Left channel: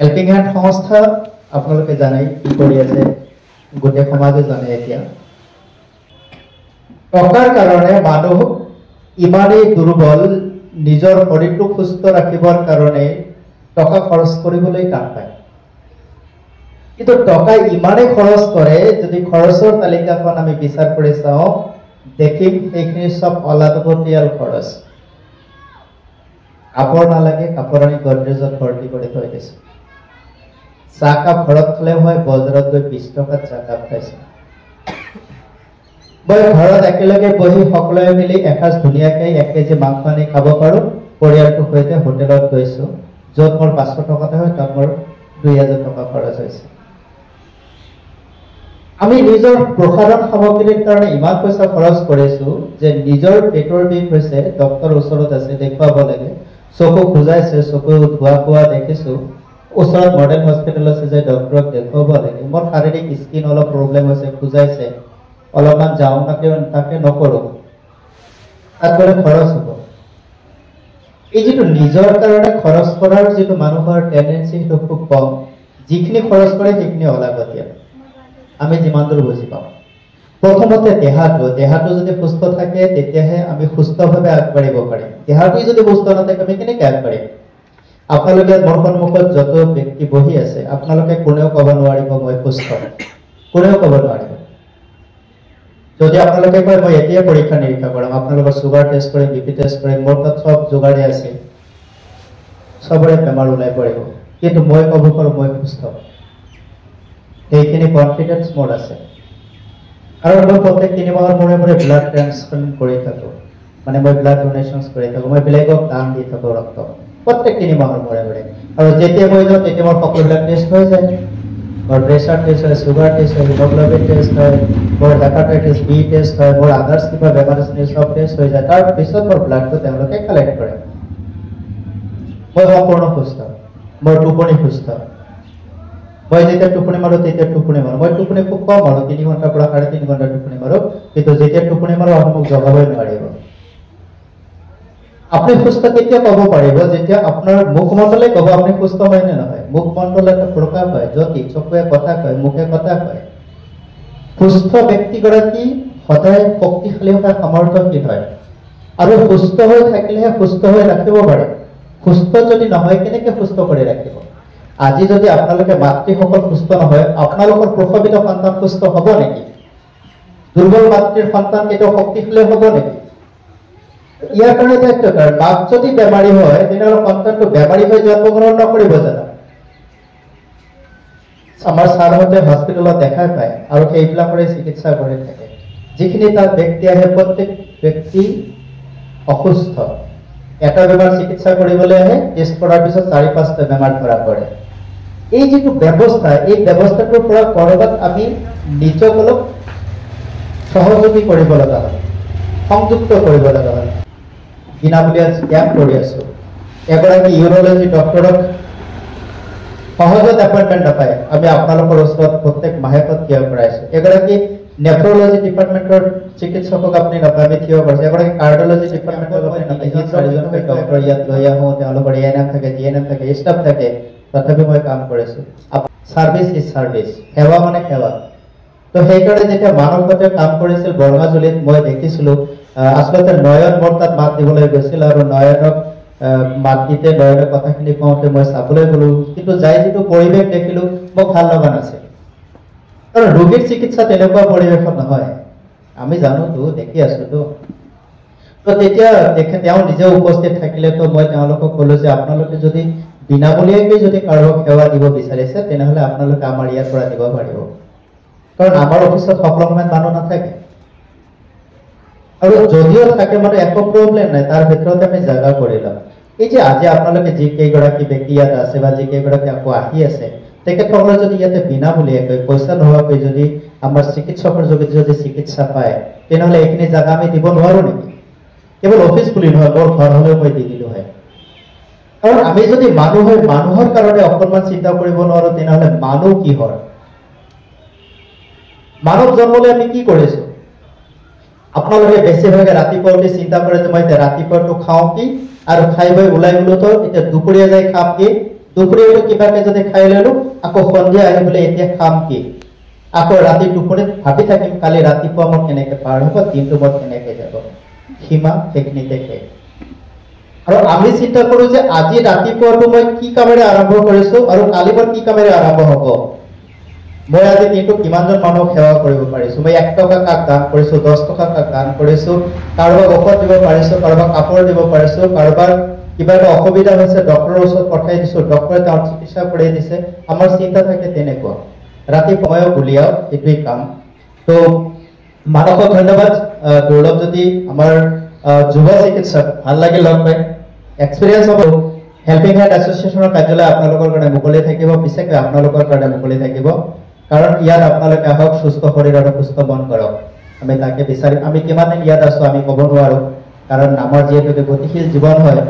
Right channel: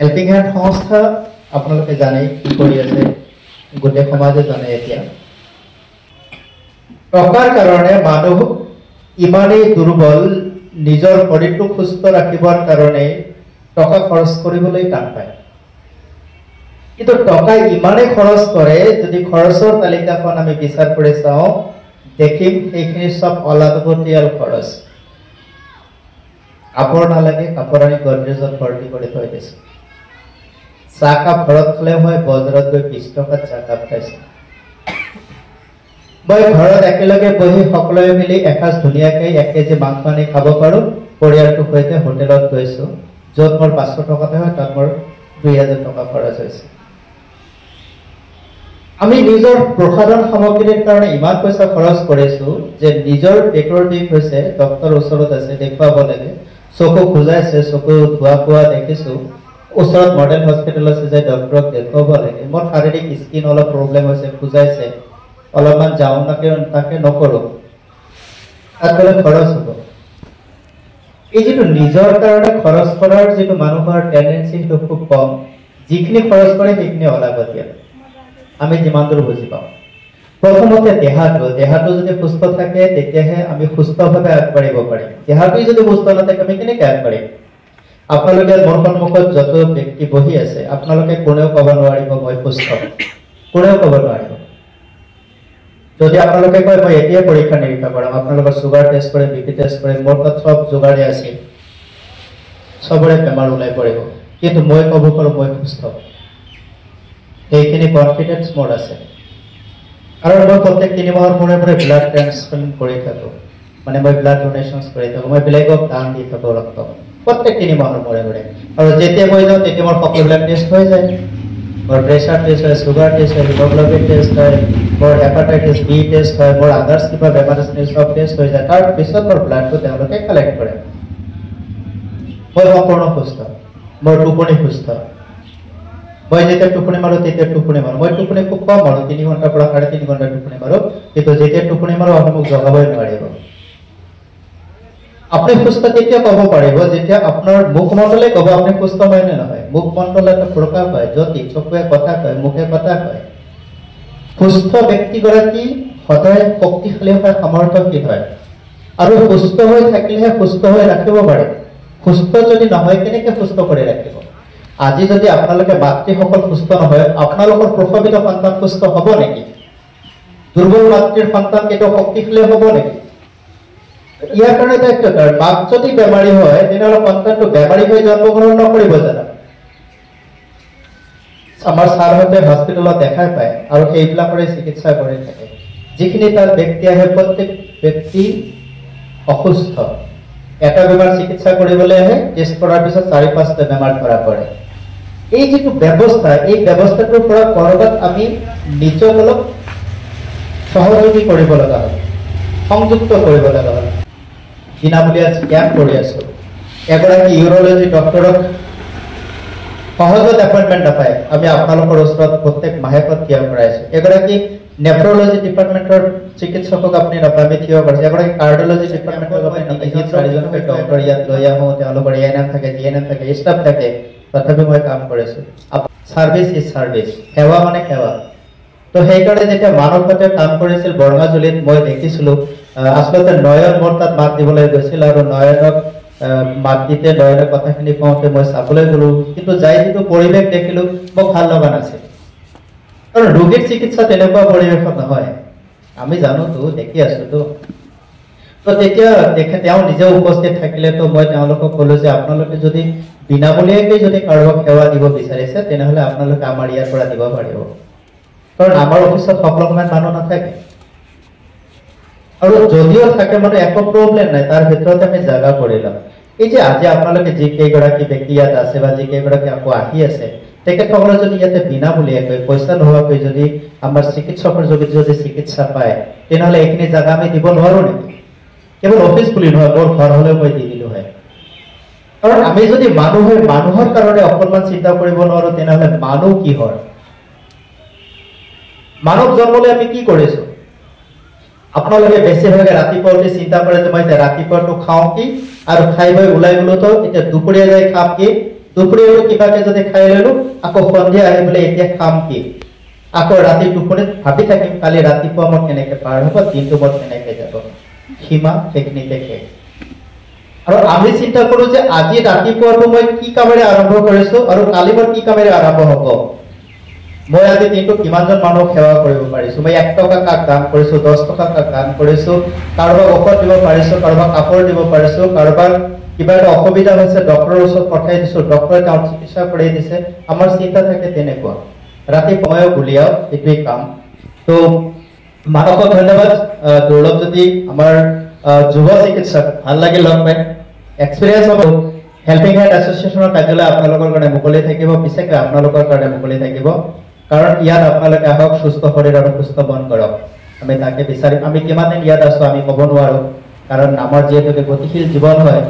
Helping hand সংস্থা আপোনালোকে জানেই কি কৰি আছে, গোটেই সমাজে জানে। এতিয়া টকাৰ কাৰণে মানুহ ইমানেই দুৰ্বল, নিজৰ শৰীৰটো সুস্থ ৰাখিবৰ কাৰণে টকা খৰচ কৰিবলৈ টান পায়। কিন্তু টকা ইমানেই খৰচ কৰে, যদি খৰচৰ তালিকাখন আমি বিচাৰ কৰি চাওঁ দেখিম সেইখিনি সব অলাগতিয়াল খৰচ। কাপোৰ নালাগে, কাপোৰ আনি গডৰেজত ভৰ্তি কৰি থৈ দিছো। চাহকাপ ঘৰত খালেও হয়, বজাৰত গৈ 20 টকাত চাহকাপ খাইছো। মই ঘৰত একেলগে বহি সকলোৱে মিলি এসাঁজ ধুনীয়াকৈ 1 কেজি মাংস আনি খাব পাৰো। পৰিয়ালটোৰ সৈতে হোটেলত গৈছো, য'ত মোৰ 500 টকাতে হয়, তাত মোৰ 2000 টকা খৰচ হৈছে। আমি নিজৰ প্ৰসাধন সামগ্ৰীৰ কাৰণে ইমান পইচা খৰচ কৰিছো যে নিজৰ পেটৰ বিষ হৈছে, ডক্টৰ ওচৰত আছে, দেখুৱাব লাগে। চকু খুজাইছে, চকু ধোৱা কোৱা দেখিছো, ওচৰত মডেল হস্পিটেল আছে যে ডক্টৰক দেখুৱাব লাগে। মোৰ শাৰীৰিক স্কিন অলপ প্ৰব্লেম হৈছে, খুজাইছে, অলপমান যাওঁ তাকে নকৰো, তাত গ'লে খৰচ হ'ব। এই যিটো নিজৰ কাৰণে খৰচ কৰাৰ যিটো মানুহৰ টেন্ডেঞ্চি সেইটো খুব কম। যিখিনি খৰচ কৰে সেইখিনি অলাগতিয়াল। আমি যিমান দূৰ বুজি পাওঁ, প্ৰথমতে দেহাটো যদি সুস্থ থাকে তেতিয়াহে আমি সুস্থভাৱে আগবাঢ়িব পাৰিম। দেহাটোই যদি সুস্থ নাথাকে আমি কেনেকৈ আগবাঢ়িম? আপোনালোকে মোৰ সন্মুখত যত ব্যক্তি বহি আছে, আপোনালোকে কোনেও ক'ব নোৱাৰিব মই সুস্থ, কোনেও ক'ব নোৱাৰিব। যদি আপোনালোকে কয় মই এতিয়া পৰীক্ষা নিৰীক্ষা কৰাম, আপোনালোকৰ চুগাৰ টেষ্ট কৰিম, বিপি টেষ্ট কৰিম, মোৰ তাত সব যোগাৰে আছে, চবৰে বেমাৰ ওলাই পৰিব, কিন্তু মই ক'ব পাৰোঁ মই সুস্থ। সেইখিনি কনফিডেন্স মোৰ আছে, কাৰণ মই প্ৰত্যেক 3 মাহৰ মূৰে মূৰে ব্লাড ট্ৰান্সপ্লান্ট কৰি থাকোঁ, মানে মই ব্লাড ডোনেশ্যন কৰি থাকোঁ, মই বেলেগক দান দি থাকোঁ ৰক্ত প্ৰত্যেক 3 মাহৰ মূৰে মূৰে। আৰু যেতিয়া মই যাওঁ তেতিয়া মোৰ সকলোবিলাক টেষ্ট হৈ যায়। মোৰ প্ৰেছাৰ টেষ্ট হয়, চুগাৰ টেষ্ট হয়, হিমোগ্লোবিন টেষ্ট হয়, মোৰ হেপাটাইটিছ বি টেষ্ট হয়, মোৰ আদাৰ্ছ কিবা বেমাৰ আছে সব টেষ্ট হৈ যায়। তাৰপিছত মোৰ ব্লাডটো তেওঁলোকে কালেক্ট কৰে। মই সম্পূৰ্ণ সুস্থ, মোৰ টোপনি সুস্থ। মই যেতিয়া টোপনি মাৰো তেতিয়া টোপনি মাৰো, মই টোপনি খুব কম মাৰো, 3 ঘণ্টাৰ পৰা 3.5 ঘণ্টা টোপনি মাৰো, কিন্তু যেতিয়া টোপনি মাৰো আপুনি মোক জগাবই নোৱাৰিব। আপুনি সুস্থ কেতিয়া ক'ব পাৰিব? যেতিয়া আপোনাৰ মুখমণ্ডলে ক'ব আপুনি সুস্থ হয় নে নহয়। মুখমণ্ডল এটা প্ৰকাশ হয়, জ্যোতি, চকুৱে কথা কয়, মুখে কথা কয়। সুস্থ ব্যক্তিগৰাকী সদায় শক্তিশালী হয়, সামৰ্থ্যশীল হয়, আৰু সুস্থ হৈ থাকিলেহে সুস্থ হৈ ৰাখিব পাৰে। সুস্থ যদি নহয় কেনেকৈ সুস্থ কৰি ৰাখিব? আজি যদি আপোনালোকে মাতৃসকল সুস্থ নহয়, আপোনালোকৰ প্ৰসৱিত সন্তান সুস্থ হ'ব নেকি? দুৰ্বল মাতৃৰ সন্তান কেতিয়াও শক্তিশালী হ'ব নেকি? ইয়াৰ কাৰণে দায়িত্বকাৰ। মাক যদি বেমাৰী হয় তেনেহ'লে সন্তানটো বেমাৰী হৈ জন্মগ্ৰহণ নকৰিব জানো? আমাৰ ছাৰহঁতে হস্পিটেলত দেখাই পায় আৰু সেইবিলাকৰে চিকিৎসা কৰি থাকে। যিখিনি তাত ব্যক্তি আহে প্ৰত্যেক ব্যক্তি অসুস্থ। এটা বেমাৰ চিকিৎসা কৰিবলৈ আহে, টেষ্ট কৰাৰ পিছত 4-5টা বেমাৰ ধৰা পৰে। এই যিটো ব্যৱস্থা, এই ব্যৱস্থাটোৰ পৰা কৰবাত আমি নিজক অলপ সহযোগী কৰিব লগা হয়, সংযুক্ত কৰিব লগা হয়। বিনামূলীয়া কেম্প কৰি আছো। এগৰাকী ইউৰলজি ডক্টৰক সহজত এপইণ্টমেণ্ট নাপায়, আমি আপোনালোকৰ ওচৰত প্ৰত্যেক মাহেকত থিয় কৰাইছো। এগৰাকী নেফ্ৰলজি ডিপাৰ্টমেণ্টৰ চিকিৎসকক আপুনি নাপায়, আমি থিয় কৰিছো। এগৰাকী কাৰ্ডিঅলজি ডিপাৰ্টমেণ্টক আপুনি নাপায়, 4জনকৈ ডক্টৰ ইয়াত লৈ আহোঁ, তেওঁলোকৰ এএনএম থাকে, জিএনএম থাকে, ষ্টাফ থাকে, তথাপি মই কাম কৰিছো। সাৰ্ভিস ইজ সাৰ্ভিস, সেৱা মানে সেৱা। তো সেইকাৰণে যেতিয়া মানৱতাতে কাম কৰিছিল বৰ্মাজুলিত, মই দেখিছিলো আচলতে নয়ন মোৰ তাত মাত দিবলৈ গৈছিল, আৰু নয়নক মাত দিতে নয়নৰ কথাখিনি কওঁতে মই চাবলৈ গলো, কিন্তু যাই যিটো পৰিৱেশ দেখিলো মোক ভাল লগা নাছিল। কাৰণ ৰোগীৰ চিকিৎসা তেনেকুৱা পৰিৱেশত নহয়, আমি জানোতো, দেখি আছোতো। তো তেতিয়া তেওঁ নিজে উপস্থিত থাকিলেতো মই তেওঁলোকক ক'লো যে আপোনালোকে যদি বিনামূলীয়াকৈ যদি কাৰোবাক সেৱা দিব বিচাৰিছে তেনেহ'লে আপোনালোকে আমাৰ ইয়াৰ পৰা দিব পাৰিব, কাৰণ আমাৰ অফিচত সকলো সময়ত মানুহ নাথাকে, আৰু যদিও থাকে মানে একো প্ৰব্লেম নাই, তাৰ ভিতৰত আমি জাগা কৰিলাম। এই যে আজি আপোনালোকে যিকেইগৰাকী ব্যক্তি ইয়াত আছে বা যিকেইগৰাকী আকৌ আহি আছে, তেখেতসকলে যদি ইয়াতে বিনামূলীয়াকৈ পইচা নোহোৱাকৈ যদি আমাৰ চিকিৎসকৰ যোগেদি যদি চিকিৎসা পায় তেনেহ'লে এইখিনি জাগা আমি দিব নোৱাৰো নেকি? কেৱল অফিচ বুলি নহয়, মোৰ ঘৰ হ'লেও মই দি দিলো হয়। কাৰণ আমি যদি মানুহৰ কাৰণে অকণমান চিন্তা কৰিব নোৱাৰো তেনেহ'লে মানুহ কি হয়? মানৱ জন্মলৈ আমি কি কৰিছো? আপোনালোকে বেছিভাগে ৰাতিপুৱা উঠি চিন্তা কৰে যে মই এতিয়া ৰাতিপুৱাটো খাওঁ কি, আৰু খাই বৈ ওলাই গ'লো তো এতিয়া দুপৰীয়া যাই খাম কি, দুপৰীয়াটো কিবাকে যদি খাই ললো আকৌ সন্ধিয়া আহি বোলে এতিয়া খাম কি আকৌ ৰাতি টোপনিত ভাবি থাকিম কালি ৰাতিপুৱা মোৰ কেনেকে পাৰ হ'ব দিনটো মোৰ কেনেকে যাব সীমা সেইখিনিতে শেষ আৰু আমি চিন্তা কৰো যে আজি ৰাতিপুৱাটো মই কি কামেৰে আৰম্ভ কৰিছো আৰু কালি মোৰ কি কামেৰে আৰম্ভ হ'ব মই আজি দিনটো কিমানজন মানুহক সেৱা কৰিব পাৰিছো মই 1 টকা কাক দান কৰিছো 10 টকা কাক দান কৰিছো কাৰোবাক ঔষধ দিব পাৰিছো কাৰোবাক কাপোৰ দিব পাৰিছো কাৰোবাৰ কিবা এটা অসুবিধা হৈছে ডক্টৰৰ ওচৰত পঠাই দিছো ডক্টৰে তাৰ চিকিৎসা কৰি দিছে আমাৰ চিন্তা থাকে তেনেকুৱা ৰাতি সময় উলিয়াও এটোই কাম তো মানৱক ধন্যবাদ গৌৰৱ যদি আমাৰ যুৱ চিকিৎসক ভাল লাগিল লগ পাই এক্সপেৰিয়েন্স হ'ব হেল্পিং হেড এছ'চিয়েশ্যনৰ কাৰ্যালয় আপোনালোকৰ কাৰণে মুকলি থাকিব পিছকে আপোনালোকৰ কাৰণে মুকলি থাকিব কাৰণ ইয়াত আপোনালোকে আহক সুস্থ শৰীৰ আৰু সুস্থ মন কৰক আমি তাকে বিচাৰিম আমি কিমান দিন ইয়াত আছো আমি ক'ব নোৱাৰো কাৰণ আমাৰ যিহেতু গতিশীল জীৱন হয়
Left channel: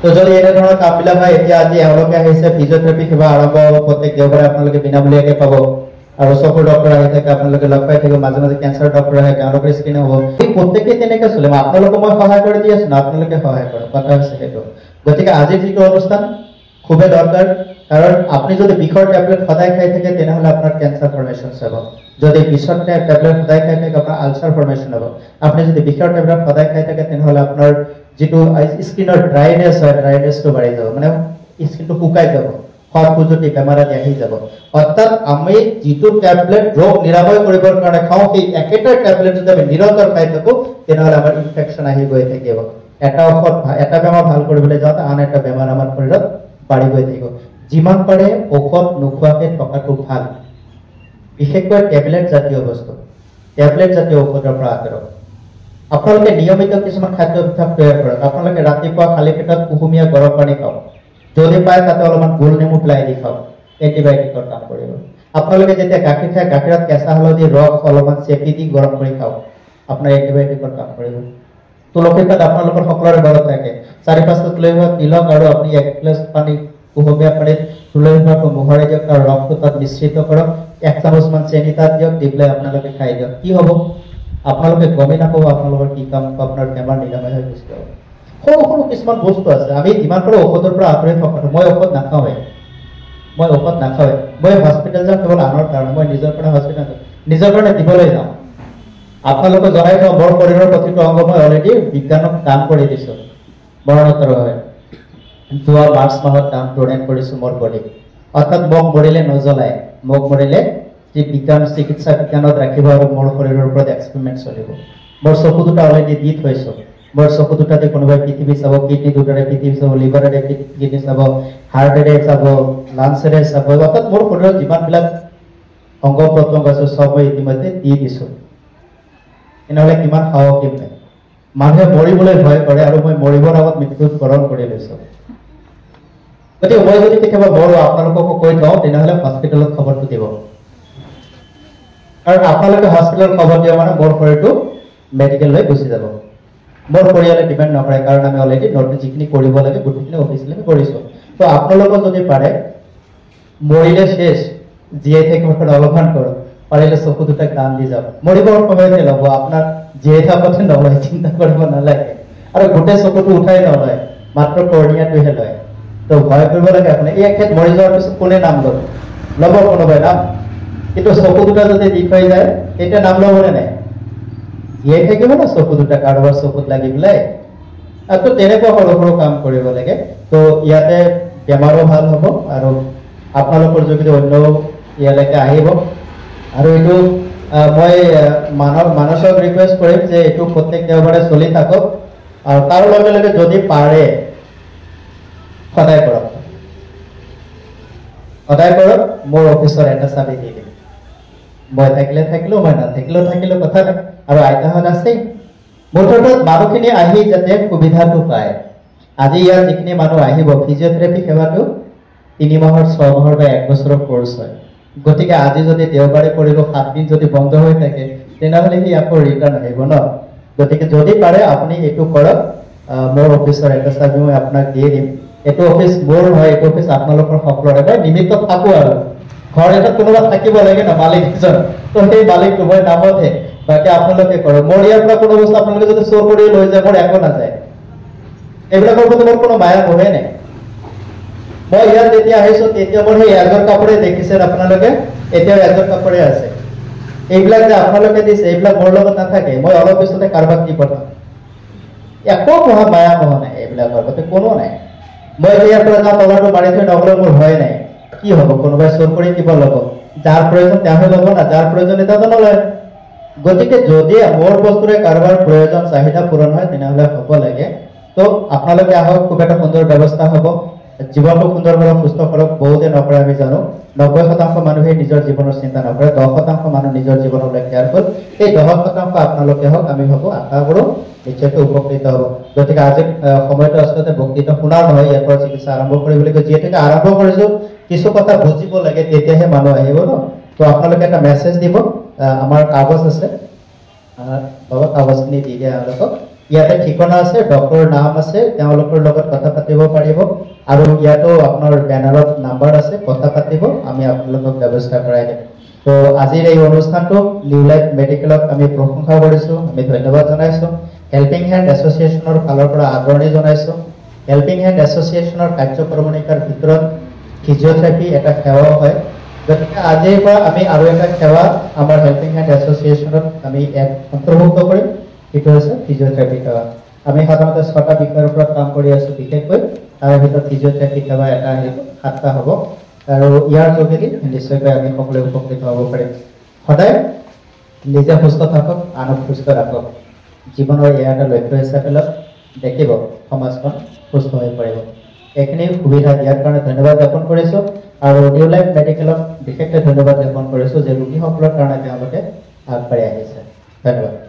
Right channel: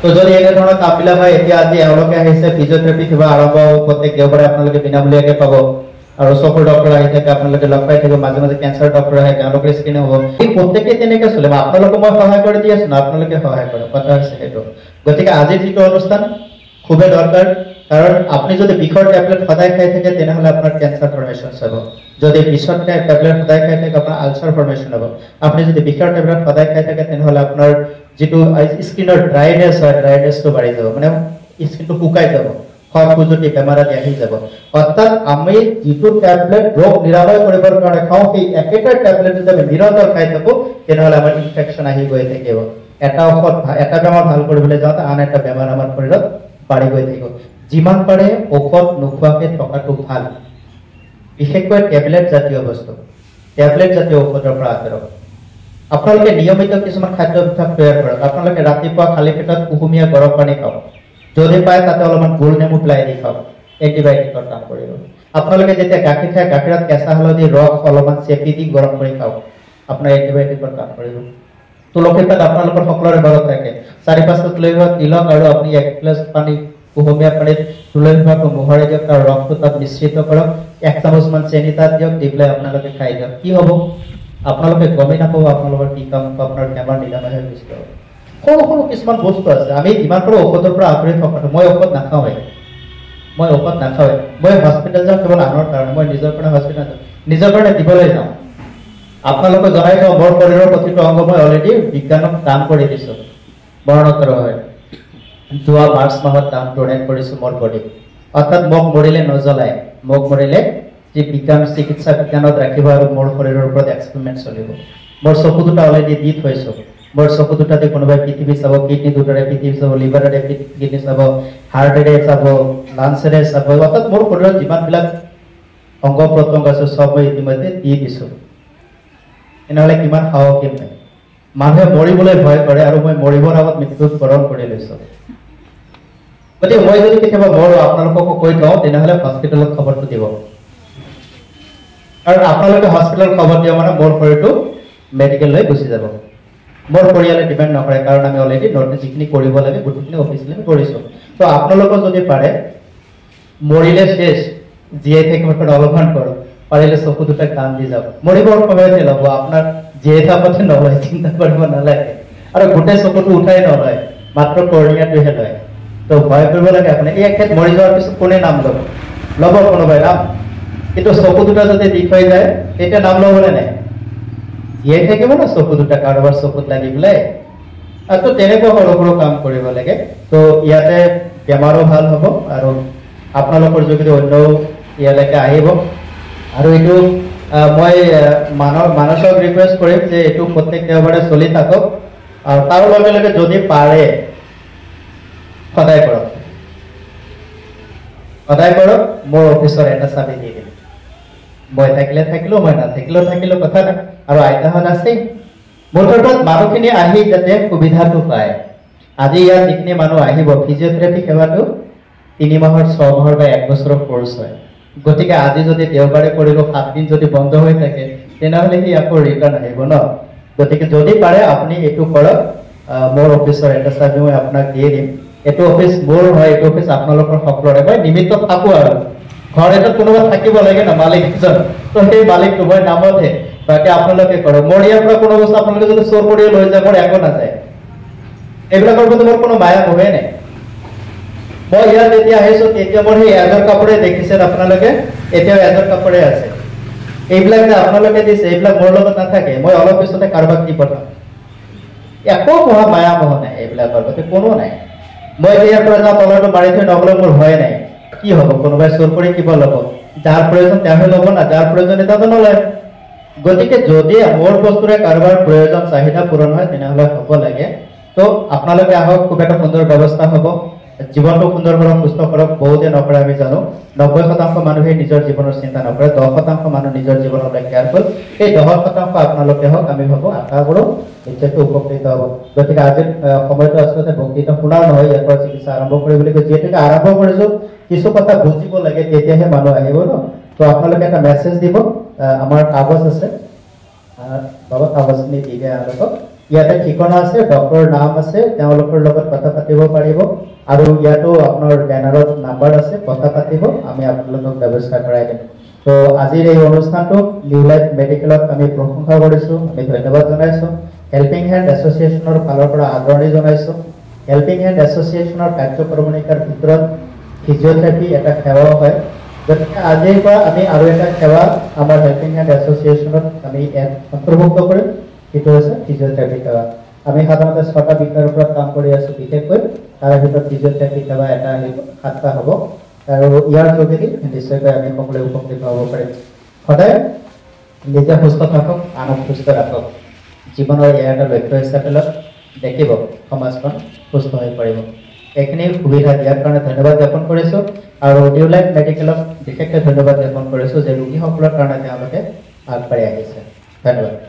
তো যদি এনে ধৰণৰ কামবিলাক হয় এতিয়া আজি এওঁলোকে আহিছে ফিজিঅথেৰাপি সেৱা আৰম্ভ হ'ব প্ৰত্যেক দেওবাৰে আপোনালোকে বিনামূলীয়াকৈ পাব আৰু চকুৰ ডক্টৰ আহি থাকে আপোনালোকে লগ পাই থাকিব মাজে মাজে কেঞ্চাৰ ডক্টৰ আহে তেওঁলোকৰ স্ক্ৰিনিং হ'ব এই প্ৰত্যেকে তেনেকৈ চলিব আপোনালোকে মই সহায় কৰি দি আছো না আপোনালোকে সহায় কৰে কথা হৈছে সেইটো গতিকে আজিৰ যিটো অনুষ্ঠান খুবেই দৰকাৰ কাৰণ আপুনি যদি বিষৰ টেবলেট সদায় খাই থাকে তেনেহ'লে আপোনাৰ কেঞ্চাৰ ফৰ্মেশ্যন হ'ব যদি বিষৰ টেবলেট সদায় খাই থাকে আপোনাৰ আলচাৰ ফৰ্মেশ্যন হ'ব আপুনি যদি বিষৰ টেবলেট সদায় খাই থাকে তেনেহ'লে আপোনাৰ যেটো স্কিনৰ ড্ৰাইনেছ হয় ড্ৰাইনেছটো বাঢ়ি যাব মানে স্কিনটো শুকাই যাব খৰ খুজুতি বেমাৰ আদি আহি যাব অৰ্থাৎ আমি যেটো টেবলেট ৰোগ নিৰাময় কৰিবৰ কাৰণে খাওঁ সেই একেটা টেবলেট যদি আমি নিৰন্তৰ খাই থাকো তেনেহ'লে আমাৰ ইনফেকশ্যন আহি গৈ থাকিব এটা ঔষধ এটা বেমাৰ ভাল কৰিবলৈ যাওঁতে আন এটা বেমাৰ আমাৰ শৰীৰত বাঢ়ি গৈ থাকিব যিমান পাৰে ঔষধ নোখোৱাকৈ থকাটো ভাল বিশেষকৈ টেবলেট জাতীয় বস্তু টেবলেট জাতীয় ঔষধৰ পৰা আঁতৰক আপোনালোকে নিয়মিত কিছুমান খাদ্যাভ্যাস তৈয়াৰ কৰক আপোনালোকে ৰাতিপুৱা খালী পেটত কুহুমীয়া গৰম পানী খাওক যদি পায় তাতে অলপমান গোল নেমু পেলাই দি খাওক এণ্টিবায়'টিকৰ কাম কৰিব আপোনালোকে যেতিয়া গাখীৰ খায় গাখীৰত কেঁচা হালধি ৰস অলপমান চেপি দি গৰম কৰি খাওক আপোনাৰ এণ্টিবায়'টিকৰ কাম কৰিব তুলসী পাত আপোনালোকৰ সকলোৰে ঘৰত থাকে 4-5টা তুলসী পাত তিলক আৰু আপুনি 1 গ্লাছ পানী কুহুমীয়া পানীত তুলসী পাতটো মোহৰাই দিয়ক তাৰ ৰসটো তাত মিশ্ৰিত কৰক 1 চামুচমান চেনি তাত দিয়ক দি পেলাই আপোনালোকে খাই দিয়ক কি হ'ব আপোনালোকে গমেই নাপাব আপোনালোকৰ কি কাম আপোনাৰ বেমাৰ নিৰাময় হৈ গৈছে সৰু সৰু কিছুমান বস্তু আছে আমি যিমান পাৰোঁ ঔষধৰ পৰা আঁতৰি থকাটো মই ঔষধ নাখাওঁৱে মই হস্পিটেল যাওঁ কেৱল আনৰ কাৰণে মই নিজৰ কাৰণে হস্পিটেল যাওঁ নিজৰ কাৰণে দিবলৈ যাওঁ আপোনালোকে জনাই থওঁ মোৰ শৰীৰৰ প্ৰতিটো অংগ মই অলৰেডি বিজ্ঞানক দান কৰি দিছোঁ মৰণোত্তৰ হয় যোৱা মাৰ্চ মাহত দান ডনেট কৰিছোঁ মোৰ বডি অৰ্থাৎ মোক মৰিলে নজ্বলাই মোক মৰিলে যে বিজ্ঞান চিকিৎসা বিজ্ঞানত ৰাখিব আৰু মোৰ শৰীৰৰ ওপৰত এক্সপেৰিমেণ্ট চলিব মোৰ চকু দুটা অলৰেডি দি থৈছোঁ মোৰ চকু দুটাতে কোনোবাই পৃথিৱী চাব কিডনি দুটাৰে পৃথিৱী চাব লিভাৰেৰে কিডনি চাব হাৰ্টেৰে চাব লাঞ্চেৰে চাব অৰ্থাৎ মোৰ শৰীৰত যিমানবিলাক অংগ প্ৰত্যংগ আছে চব মই ইতিমধ্যে দি দিছোঁ এনেহ'লে কিমান সাহসী নাই মানুহে মৰিবলৈ ভয় কৰে আৰু মই মৰিবৰ আগত মৃত্যুত বৰণ কৰি লৈছোঁ গতিকে মই যদি কেতিয়াবা মৰো আপোনালোককো কৈ যাওঁ তেনেহ'লে হস্পিটেলত খবৰটো দিব আৰু আপোনালোকে হস্পিটেলত খবৰ দিয়া মানে মোৰ শৰীৰটো মেডিকেললৈ গুচি যাব মোৰ পৰিয়ালে ডিপেণ্ড নকৰে কাৰণ আমি অলৰেডি নটিচ যিখিনি কৰিব লাগে গোটেইখিনি অফিচিয়েলি কৰিছোঁ তো আপোনালোকে যদি পাৰে মৰিলে শেষ জীয়াই থাকিব অলপমান কৰক পাৰিলে চকু দুটা কাম দি যাব মৰিবৰ সময়তে ল'ব আপোনাৰ জীয়াই থাকোঁতে নলয় চিন্তা কৰিব নালাগে আৰু গোটেই চকুটো উঠাই নলয় মাত্ৰ কৰ্ণিয়াটোহে লয় তো ভয় কৰিব লাগে আপুনি এই এখেত মৰি যোৱাৰ পিছত কোনে নাম ল'ব কোনোবাই নাম কিন্তু চকু দুটা যদি দি থৈ যায় তেতিয়া নাম ল'বনে নাই জীয়াই থাকিব না চকু দুটা কাৰোবাৰ চকুত লাগি পেলাই আৰু তো তেনেকুৱা সৰু সৰু কাম কৰিব লাগে তো ইয়াতে বেমাৰো ভাল হ'ব আৰু আপোনালোকৰ যোগেদি অন্যও ইয়ালৈকে আহিব আৰু এইটো মই মানসক ৰিকুৱেষ্ট কৰিম যে এইটো প্ৰত্যেক দেওবাৰে চলি থাকক আৰু তাৰ লগে লগে যদি পাৰে সদায় কৰক মোৰ অফিচৰ এটা চাবি দি দিম মই থাকিলে থাকিলোঁ মই নাথাকিলেও কথা নাই আৰু আইতাহঁত আছেই মুঠতে মানুহখিনি আহি যাতে সুবিধাটো পায় আজি ইয়াত যিখিনি মানুহ আহিব ফিজিঅথেৰাপি সেৱাটো 3 মাহৰ 6 মাহৰ বা 1 বছৰৰ কোৰ্চ হয় গতিকে আজি যদি দেওবাৰে কৰিলোঁ 7 দিন যদি বন্ধ হৈ থাকে তেনেহ'লে সি আকৌ ৰিটাৰ্ণ আহিব ন গতিকে যদি পাৰে আপুনি এইটো কৰক মোৰ অফিচৰ এটা চাবি মই আপোনাক দিয়ে দিম এইটো অফিচ মোৰ হয় এইটো অফিচ আপোনালোকৰ সকলোৰে মই নিমিত্ত থাকোঁ আৰু ঘৰ এটাত কোনোবা থাকিব লাগে ন মালিক এজন তো সেই মালিকটো মই নামতহে বাকী আপোনালোকে কৰক মোৰ ইয়াৰ পৰা কোনো বস্তু আপোনালোকে যদি চোৰ কৰি লৈ যায় মোৰ একো নাযায় এইবিলাকৰ প্ৰতি মোৰ কোনো মায়া মোহে নাই মই ইয়াত যেতিয়া আহিছোঁ তেতিয়া মোৰ সেই এজৰ কাপোৰে দেখিছে আপোনালোকে, এতিয়াও এজৰ কাপোৰে আছে। এইবিলাক যে আপোনালোকে দিছে এইবিলাক মোৰ লগত নাথাকে, মই অলপ পিছতে কাৰোবাক দি পঠাম। একো মায়া মোহ নাই, এইবিলাকৰ গতি কোনো নাই। মই ইয়াৰ পৰা যাওঁ তলৰটো মাৰি থৈ নগ'লে মোৰ ভয় নাই। কি হ'ব, কোনোবাই চোৰ কৰি কিবা ল'ব, যাৰ প্ৰয়োজন তেওঁহে ল'ব না, যাৰ প্ৰয়োজনীয়তাটো নলয়। গতিকে যদি মোৰ বস্তুৰে কাৰোবাৰ প্ৰয়োজন চাহিদা পূৰণ হয় তেনেহ'লে হ'ব লাগে। তো আপোনালোকে আহক, খুব এটা সুন্দৰ ব্যৱস্থা হ'ব। জীৱনটো সুন্দৰ কৰক, সুস্থ কৰক। বহুতে নকৰে আমি জানো, 90% মানুহে নিজৰ জীৱনৰ চিন্তা নকৰে, 10% মানুহ নিজৰ জীৱনলৈ কেয়াৰফুল। এই 10% আপোনালোকে হওক, আমি ভাবোঁ আশা কৰোঁ নিশ্চয়কৈ উপকৃত হ'ব। গতিকে আজি সময়টো আচলতে বক্তৃতা শুনা নহয়, ইয়াৰ পৰা চিকিৎসা আৰম্ভ কৰিবলৈ গৈ যিহেতুকে আৰম্ভ কৰিছোঁ, কিছু কথা বুজিব লাগে, তেতিয়াহে মানুহ আহিব ন। তো আপোনালোকে এটা মেছেজ দিব, আমাৰ কাগজ আছে, বাবা কাগজখিনি দি দিয়ে আপোনালোকক। ইয়াতে ঠিকনা আছে, ডক্টৰৰ নাম আছে, তেওঁলোকৰ লগত কথা পাতিব পাৰিব। আৰু ইয়াতো আপোনাৰ বেনাৰত নাম্বাৰ আছে, কথা পাতিব, আমি আপোনালোকক ব্যৱস্থা কৰাই দিম। তো আজিৰ এই অনুষ্ঠানটো নিউ লাইফ মেডিকেলক আমি প্ৰশংসা কৰিছোঁ, আমি ধন্যবাদ জনাইছোঁ। হেল্পিং হেণ্ড এছ'চিয়েশ্যনৰ ফালৰ পৰা আদৰণি জনাইছোঁ। হেল্পিং হেণ্ড এছ'চিয়েশ্যনৰ কাৰ্যক্ৰমণিকাৰ ভিতৰত ফিজিঅ'থেৰাপি এটা সেৱাও হয়। গতিকে আজিৰ পৰা আমি আৰু এটা সেৱা আমাৰ হেল্পিং হেণ্ড এছ'চিয়েশ্যনত আমি অন্তৰ্ভুক্ত কৰিম, সেইটো হৈছে ফিজিঅ'থেৰাপি সেৱা। আমি সাধাৰণতে 6টা বিষয়ৰ ওপৰত কাম কৰি আছোঁ, বিশেষকৈ তাৰ ভিতৰত ফিজিঅ'থেৰাপি সেৱা এটা আহিব, 7টা হ'ব। আৰু ইয়াৰ যোগেদি নিশ্চয়কৈ আমি সকলোৱে উপকৃত হ'ব পাৰিম। সদায় নিজে সুস্থ থাকক, আনক সুস্থ ৰাখক, জীৱনৰ এয়া এটা লক্ষ্য হিচাপে লওক, দেখিব সমাজখন সুস্থ হৈ পাৰিব। এইখিনি সুবিধা দিয়াৰ কাৰণে ধন্যবাদ জ্ঞাপন কৰিছোঁ। আৰু নিউ লাইফ মেডিকেলক বিশেষকৈ ধন্যবাদ জ্ঞাপন কৰিছোঁ যে ৰোগীসকলৰ কাৰণে তেওঁলোকে আগবাঢ়ি আহিছে। ধন্যবাদ।